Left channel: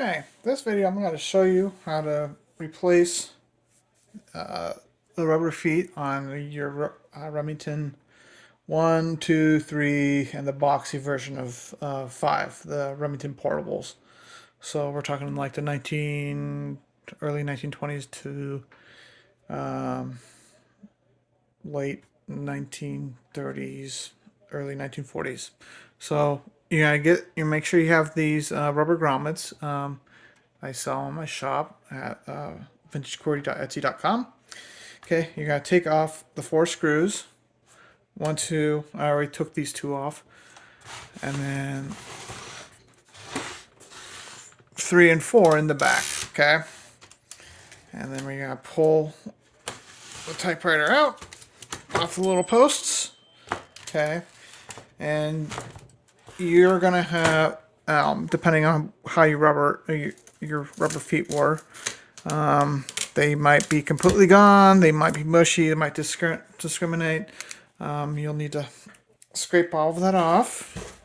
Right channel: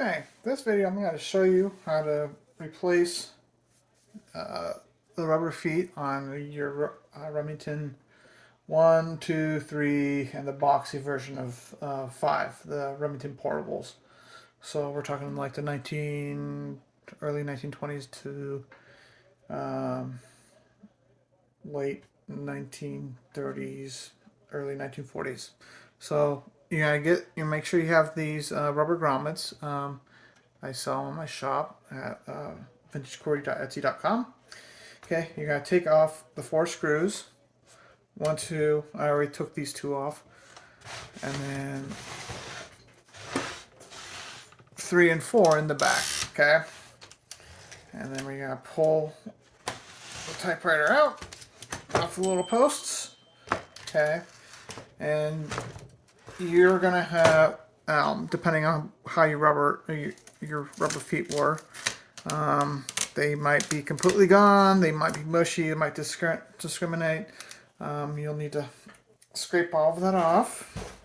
Okay, this video I'm going to show you how to replace the rubber feet on your Remington 1, 2, 3, and the boxy version of 5, the Remington Portables. So we're talking like the early 1920s to um, late 1930s, early 1940s. So you make sure you have these rubber grommets. I sell in my shop at vintagecordy.etsy.com. Okay, you gotta take off the 4 screws. 1, 2. I already took these 2 off, and then 3 and 4 in the back. Okay, and then we gotta pull the typewriter out off the little posts. Okay, and you're gonna have, depending on how your rubber feet were, they might be completely gone, they might be mushy, they might discriminate. You'll need to scrape all of that off.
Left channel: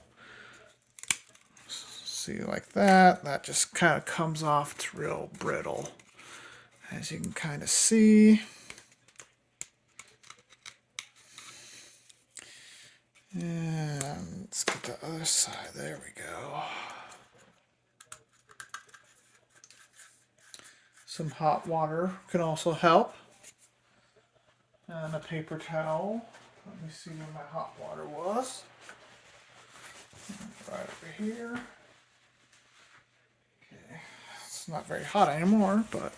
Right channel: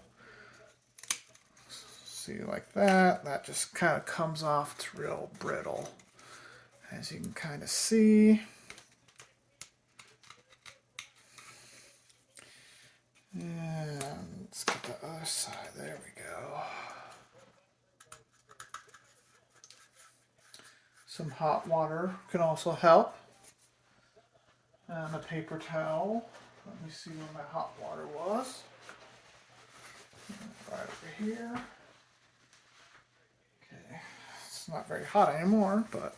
See, like that. That just kind of comes off. It's real brittle, as you can kind of see. And let's get the other side. There we go. Some hot water can also help. And a paper towel. Let me see where my hot water was. Right over here. Okay. It's not very hot anymore, but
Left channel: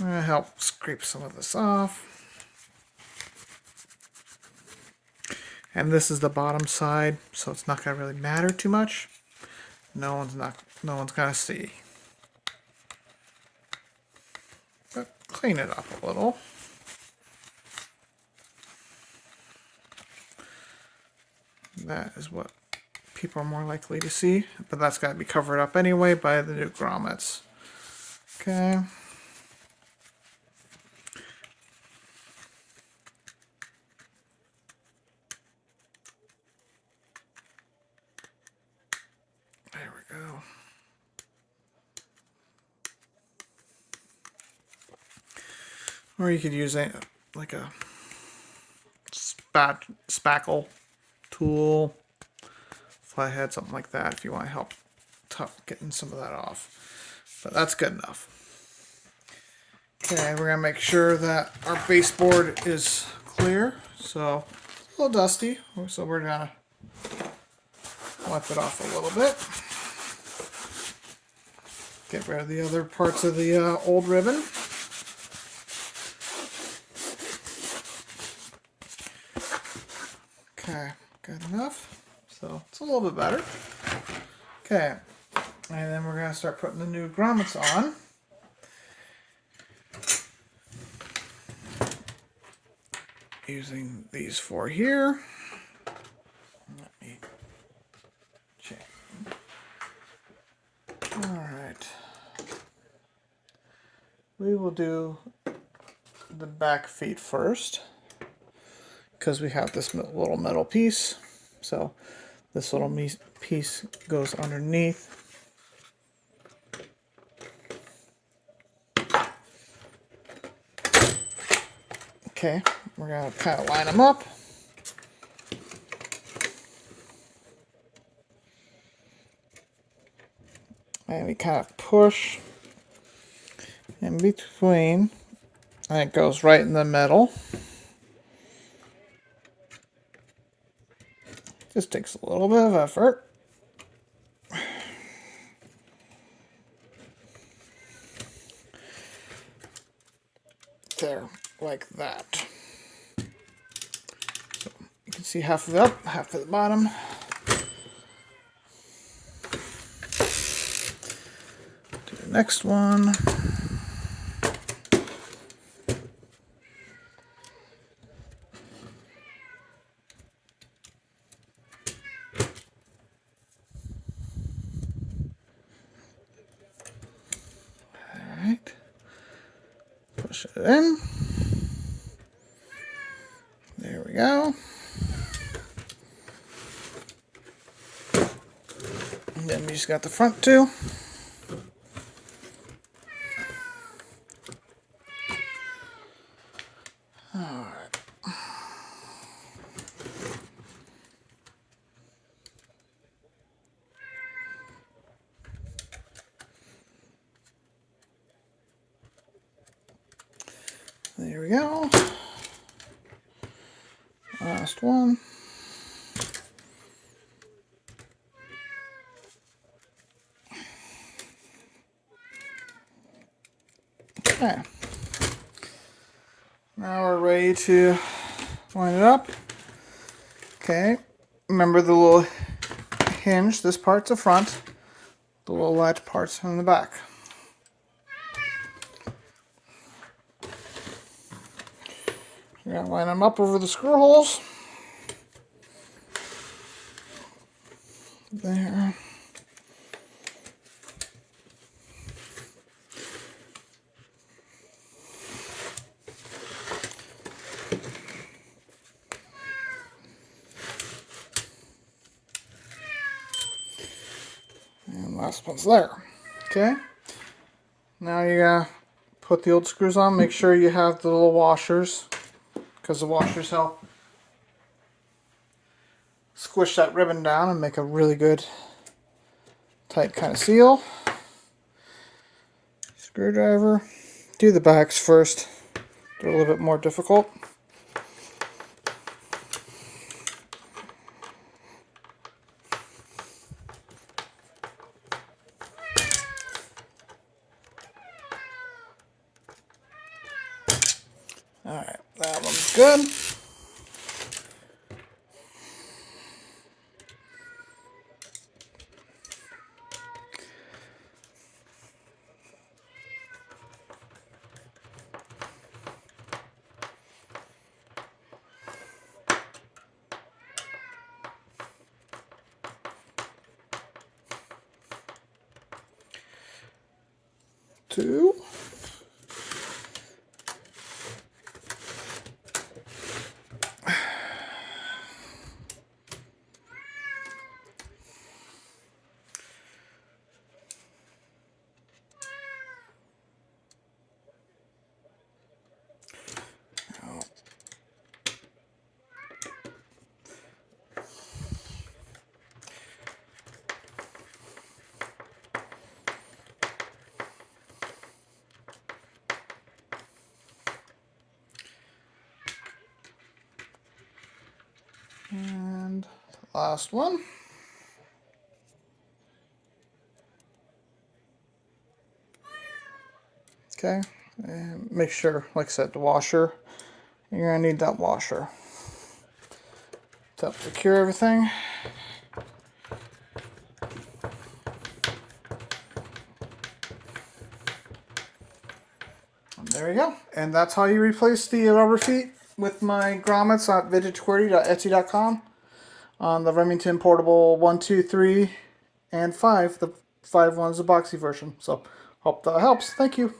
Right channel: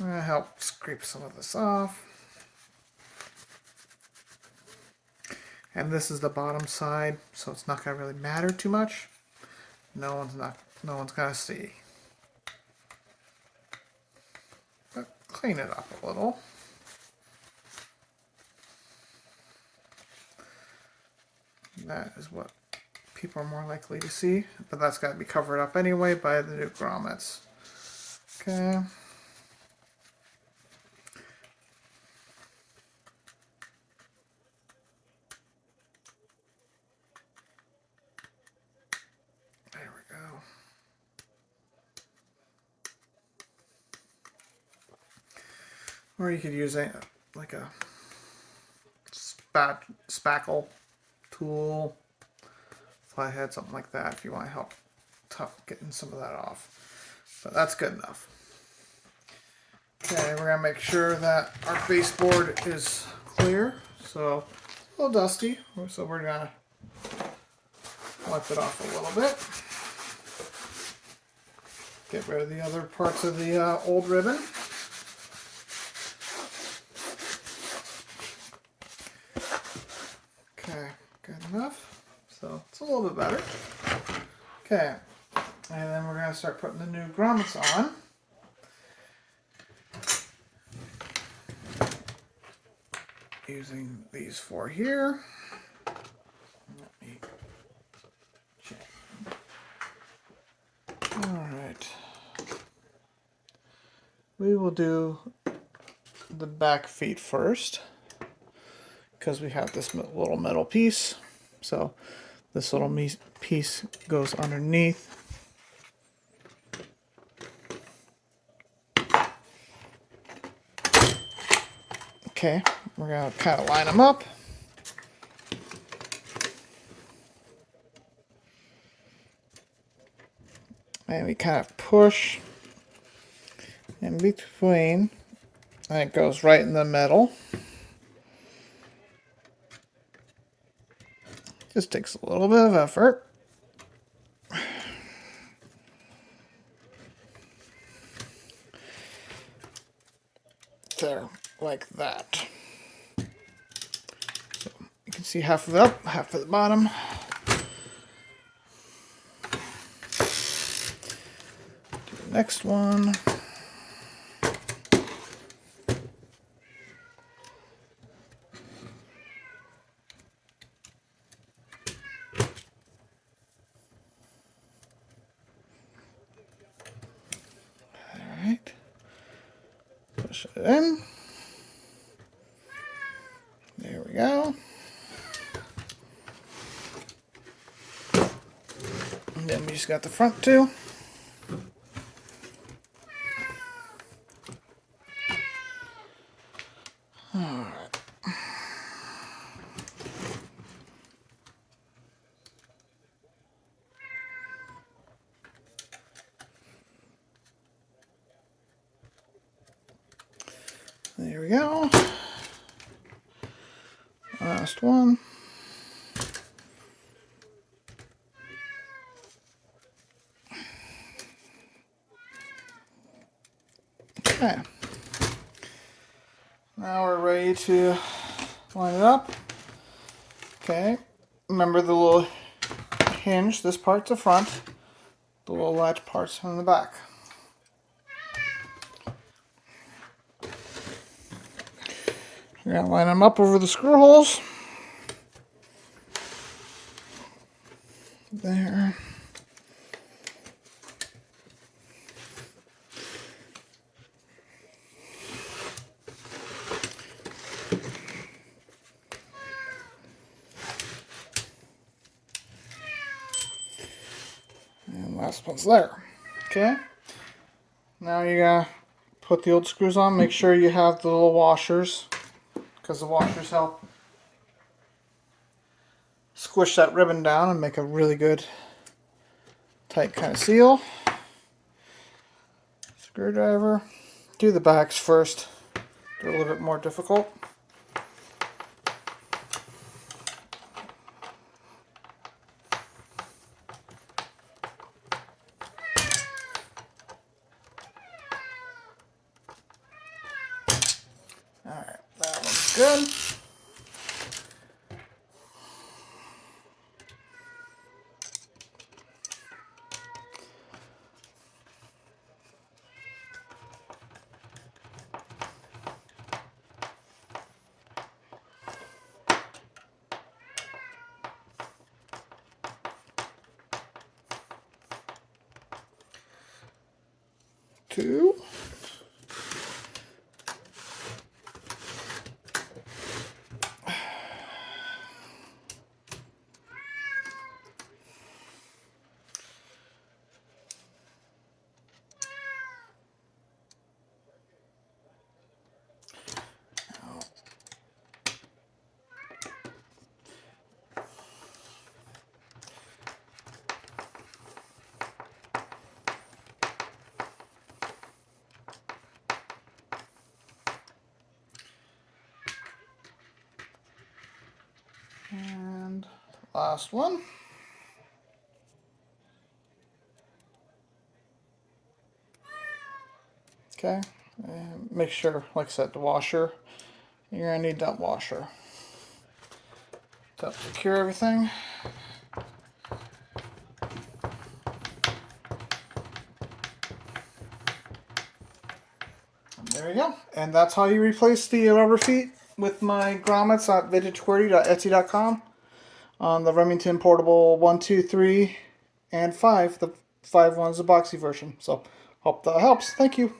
I'm going to help scrape some of this off. And this is the bottom side, so it's not going to really matter too much. No one's going to see. But clean it up a little. That is what people are more likely to see, but that's got to be covered up anyway by the new grommets. Okay. There we go. Or you could use like a spackle tool, flathead, something like that, if you want to help getting some of that off. But that's good enough. Okay, we're going to make sure that our baseboard is clear. So it's a little dusty, so we're going to wipe it off a little bit. Get rid of the other parts of the old ribbon. Okay, good enough. So it's a little bit better. Okay, and then we're going to start putting the new grommets on. Using these 4 here. Let me check. Alright. We will do the back feet first, because we have this little metal piece. So this little piece goes underneath. Okay, we're going to kind of line them up. And we kind of push in between, and it goes right in the middle. Just takes a little bit of effort. There, like that. So you can see half of it up, half of the bottom. Do the next one. Push it in. There we go. And then we just got the front 2. There we go. Last one. Okay. Now we're ready to line it up. Okay. Remember the little hinge. This part's the front. The little latch part's in the back. We're going to line them up over the screw holes. There. And last one's there. Okay. Now you gotta put the old screws on. Make sure you have the little washers, because the washers help squish that ribbon down and make a really good tight kind of seal. Screwdriver. Do the backs first. They're a little bit more difficult. Alright, that one's good. Two. And last one. Okay, and make sure, like I said, the washer, you're going to need that washer to help secure everything. And there you go. And that's how you replace the rubber feet with my grommets at vintageqwerty.etsy.com on the Remington Portable 1, 2, 3, and 5. The 5 one's the boxy version. So, hope that helps. Thank you.